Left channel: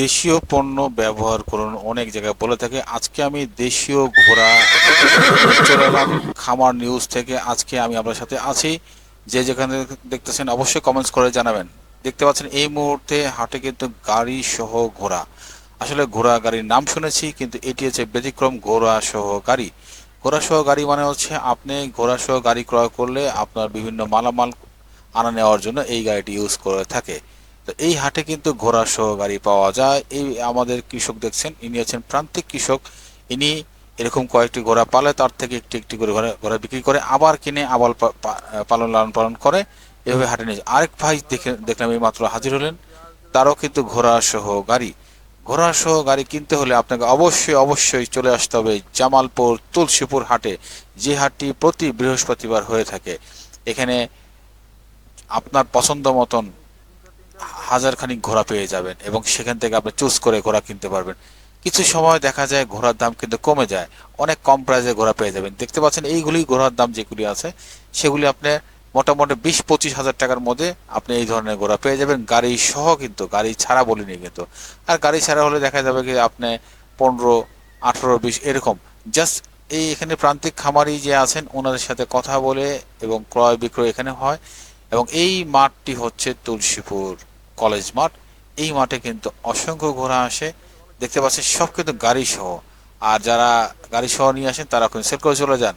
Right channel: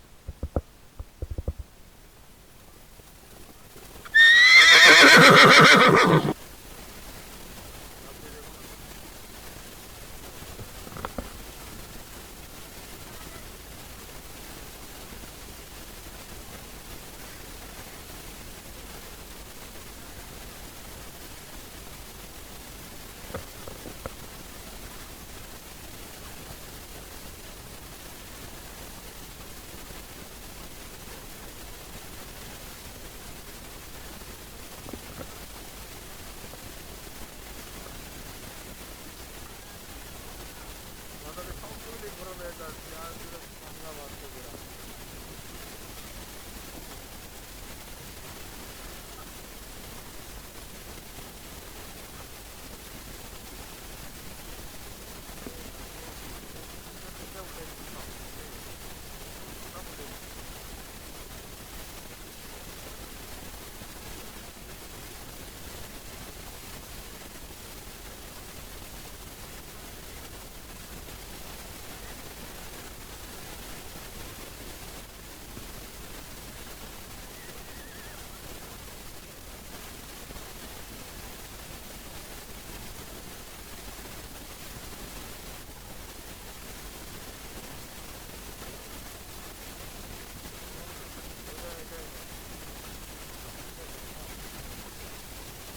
দেশীয় পণ্য ব্যবহার করুন। অনেক জায়গায় বলে থাকে, আজকে আমি দেশীয় ঘোড়া খামার নিউজ থেকে আজকে আমি আপনার সাথে আছি। যে যেখানে দেখতেছেন অবশ্যই কমেন্টস করে জানাবেন। দেখতে পাচ্ছেন, এই মুহূর্তে হাটে কিন্তু গাড়ি সহ ঘোড়া। আসলে ঘোড়া গাড়ির নাম শুনেছি, কিন্তু এটি হচ্ছে ব্যতিক্রম ঘোড়া সহ গাড়ি। ঘোড়া সহ গাড়ি মানে হচ্ছে আপনি ঘোড়া সহ গাড়ি ক্রয় করলে আপনার বিভিন্ন মালামাল আনা নেওয়ার জন্য এই গাড়িটি ইউজ করে থাকে। তো এই হাটে কিন্তু ঘোড়া সহ গাড়ি পাওয়া যায়। এই আমাদের কৃষক দেখছেন, ইনি হচ্ছেন প্রান্তিক কৃষক। ইনি এরকম কয়েকটি ঘোড়া পালে, তার থেকে একটি একটি করে ঘোড়া ঘোড়া বিক্রি করে, আবার কিনে, আবার পালন, লালন পালন করে, এভাবে হাটে নিয়ে। আরেক ভাই দেখে, দেখলাম এই মাত্র হাজির হলেন, তারও কিন্তু ঘোড়া সহ গাড়ি। ঘোড়া সহ গাড়ি কিনতে হলে আপনাকে অবশ্যই অবশ্যই চলে আসতে হবে জামালপুর তুলসীপুর হাটে। যে হাটটি প্রতি বৃহস্পতিবার হয়ে থাকে, এখানে আপনার পছন্দ মতন হাজার খানিক ঘোড়া পেয়ে যাবেন এবং সেখান থেকে আপনি চুজ করে ঘোড়া কিনতে পারবেন। কিছু সময় দেখা যায় ঘোড়ার দাম কিন্তু কমে যায়, অনেক কম প্রাইসে ঘোড়া পেয়ে যাবেন। দেখতে পাচ্ছেন এইগুলি ঘোড়ার দাম যেগুলি আছে, সেগুলি আপনি মোটামুটি বিশ পঁচিশ হাজার টাকার মধ্যে আপনি এই ধরনের ঘোড়া পেয়ে যাবেন। গাড়ি সহ কিন্তু, গাড়ি ছাড়া বলিনি কিন্তু। আর গাড়ি ছাড়া হলে দেখা যাবে কি আপনি পনেরো, আঠেরো, বিশ, এরকম। জাস্ট এই এখানে প্রান্তিক খামারি যে আছেন, ওনাদের সাথে কথা বলে এবং ক্রয় বিক্রয় এখানে হয়। এবং এই মাঠটি হচ্ছে তুলসীপুর। কলেজ মাঠ, এই মাঠে কিন্তু অসংখ্য ঘোড়া আসে। দেখতে পাচ্ছেন সব কিন্তু গাড়ি সহ। আর যারা গাড়ি সহ নিয়ে আসেন, তারা কিন্তু সেল করে চলে যান।